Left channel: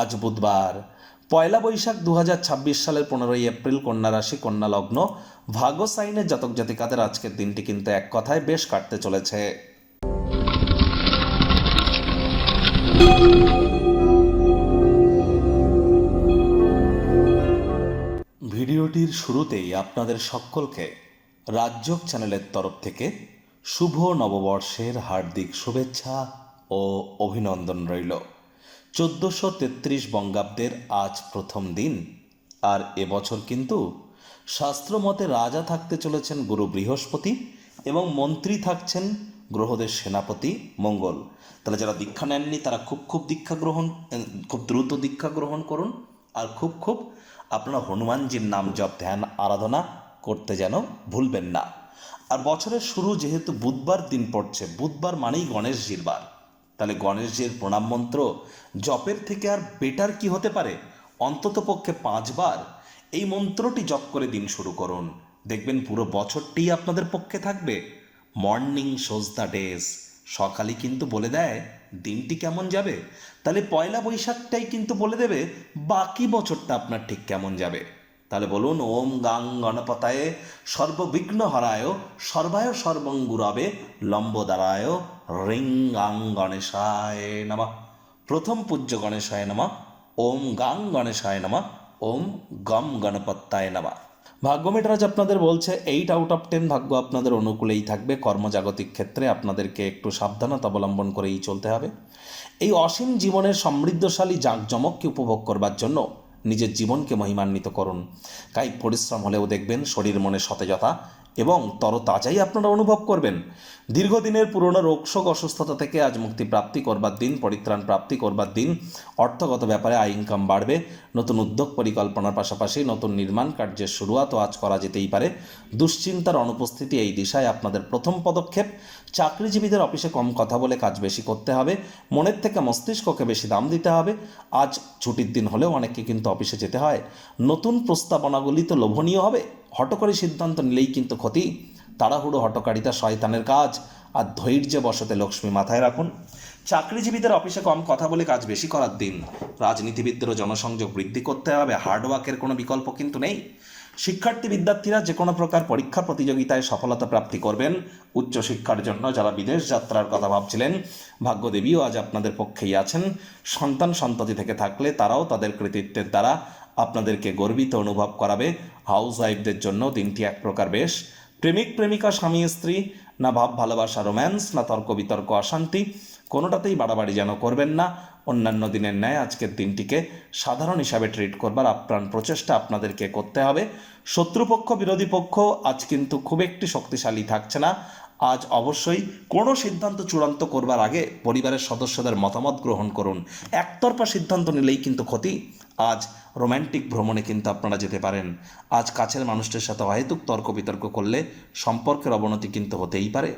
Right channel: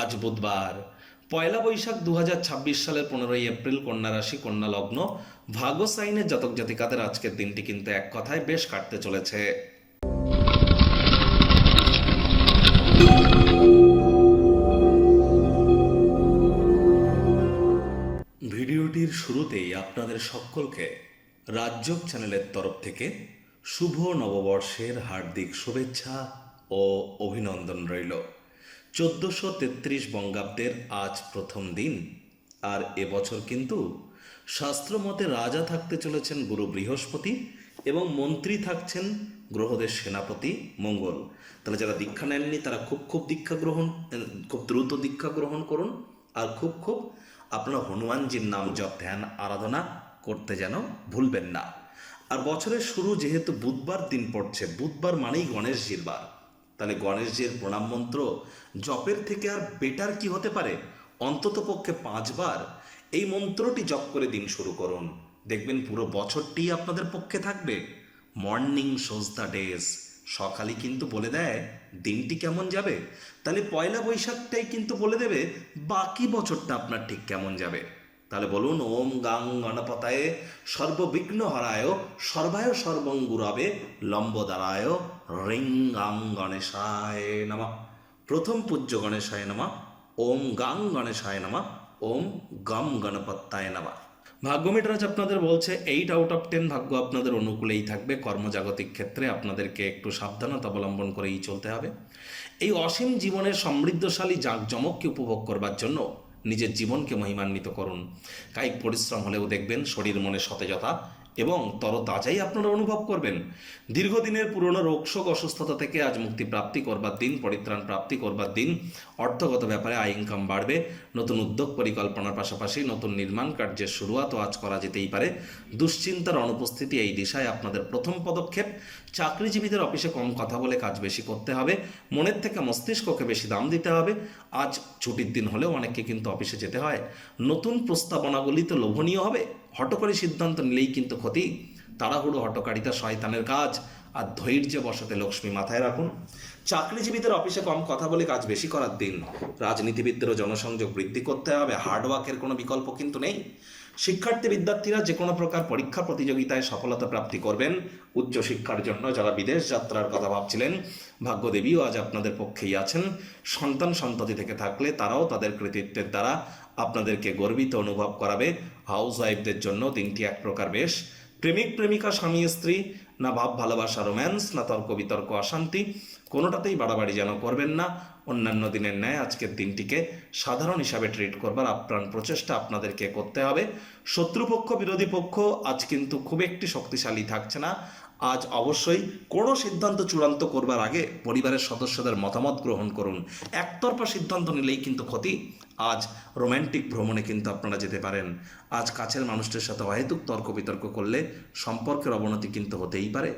আজ বুধবার পয়লা বৈশাখ 2026 সালের 15ই এপ্রিল, কন্যা রাশি, কন্যা লগ্ন, ভাগ্য সাইনের জাতক জাতিকাদের আজকের দিনটি কিন্তু এক কথায় বেশ কাটতে চলেছে। ভিডিওটির শুরুতেই আপনাদের সকলকে রাজযোগ চ্যানেলের তরফ থেকে শুভ নববর্ষের হার্দিক শুভেচ্ছা ও অভিনন্দন রইল। 1433 বঙ্গাব্দের আজ প্রথম দিন, আর এবছর কিন্তু শাস্ত্রমতে রাজা থাকতে চলেছেন গুরু বৃহস্পতি এবং মন্ত্রী থাকছেন গ্রহদের সেনাপতি মঙ্গল। তাহলে যারা দীক্ষা নেননি তারা খুব খুব দ্রুত দীক্ষা গ্রহণ করুন, আর খুব আপনার হনুমানজির নাম জপ ধ্যান আরাধনা করতে যেন ভুলবেন না। আর বছরের শুরু যেহেতু বুধবার দিন পড়ছে, বুধবার মানেই গণেশজির বার, তাহলে গণেশজির প্রণাম মন্ত্র জপের থেকে আর বেটার কি হতে পারে? অন্তত পক্ষে 5 বার এই মন্ত্রটি জপ করে দিন শুরু করুন, দেখবেন পুরো বছরটি আপনাদের পক্ষে থাকবে। মর্নিং শোজ দ্য ডেজ, সকালে কিন্তু বলে দেয় দিনটি কেমন যাবে। তাহলে পয়লা বৈশাখটাই কিন্তু বলে দেবে বাকি বছরটা আপনার ঠিক কেমন যাবে। তাহলে বলুন, ওম গাং গণপতায়ে সর্ববিঘ্ন হরায় সর্বায় সর্বঙ্গুরাবে লম্বদারায় রিং গাং গণেশায় নমঃ। প্রথম পূজ্য গণেশায় নমঃ। ওম গাং গণেশায় নমঃ। ওম গম গণপত্যায় নমঃ। ভাগ্য মিটারাজ আপনাদের বলছে 8 আউট অফ 10 ভাগ্য আপনাদের অনুকূলেই থাকবে। কর্মজাগতিক ক্ষেত্রে আপনাদেরকে একটু সাবধানতা অবলম্বন করেই চলতে হবে। এই অসীম জীবনের সমৃদ্ধশালী জাঁকজমককে উপভোগ করবার জন্য নিজের জীবনকে মহিমান্বিত করুন। কায়িক পরিশ্রম হলেও দেখবেন শরীর মনে সতেজতা এবং তরতাজাই আপনারা অনুভব করবেন। দীর্ঘদিনের পুরনো রোগশোক অসুস্থতা থেকে আজ মুক্তি প্রাপ্তি করবার দিন, পরিত্রাণ প্রাপ্তি করবার দিন। অর্থগত ব্যাপারে আয় ইনকাম বাড়বে। নতুন উদ্যোগ পরিকল্পনার পাশাপাশি নতুন নির্মাণ কার্যের শুরুয়াতও আজ করা যেতেই পারে। দুশ্চিন্তার অনুপস্থিতি এই দিশায় আপনাদের প্রথম পদক্ষেপ। চাকরিজীবীদের অফিসে কম কথা বলে কাজ বেশি করতে হবে। মনের থেকে মস্তিষ্ককে বেশি দাম দিতে হবে। আজ ছুটির দিন হলেও অনেককে কিন্তু অফিসে যেতে হয়। নতুন প্রস্তাবনাগুলি তো লোভনীয় হবে, হঠকারী সিদ্ধান্ত নিলেই কিন্তু ক্ষতি। তাড়াহুড়ো হটকারিতা শয়তানের কাজ, আর ধৈর্যে বসতে লক্ষ্মী মাথায় রাখুন। চাকরিজীবীদের অফিসে কম কথা বলে কাজ বেশি করার দিন। রাজনীতিবিদদেরও জনসংযোগ বৃদ্ধি করতে হবে, হার্ডওয়ার্কের কোনো বিকল্প কিন্তু নেই। শিক্ষার্থী বিদ্যার্থীরা যে কোনো প্রকার পরীক্ষা প্রতিযোগিতায় সফলতা প্রাপ্তি করবেন। উচ্চশিক্ষার জন্য যারা বিদেশ যাত্রার কথা ভাবছিলেন, ভাগ্যদেবীও আজ আপনাদের পক্ষেই আছেন। সন্তান সন্ততি থেকে থাকলে তারাও তাদের কৃতিত্বের দ্বারা আপনাদেরকে গর্বিত অনুভব করাবে। হাউস ওয়াইফদের জন্য দিনটি এক প্রকার বেশ। প্রেমিক প্রেমিকা স্বামী স্ত্রী, না ভাব ভালোবাসা রোম্যান্স, না তর্ক বিতর্ক অশান্তি, কোনোটাতেই বাড়াবাড়ি যেন করবেন না। অন্যান্য দিনের ন্যায় আজকের দিনটিকে সাধারণ হিসাবে ট্রিট করবার আপ্রাণ প্রচেষ্টা আপনাদেরকে করতে হবে। শত্রুপক্ষ বিরোধী পক্ষ আজ কিন্তু খুব একটি শক্তিশালী থাকছে না। আজ অবশ্যই কোনো সিদ্ধান্ত চূড়ান্ত করবার আগে পরিবারের সদস্যদের মতামত গ্রহণ করুন। একতরফা সিদ্ধান্ত নিলেই কিন্তু ক্ষতি। আজ রোম্যান্টিক ভ্রমণে কিন্তু আপনারা যেতে পারেন। আজ কাছের মানুষটির সাথে অহেতুক তর্ক বিতর্ক করলে সম্পর্কের অবনতি কিন্তু হতেই পারে।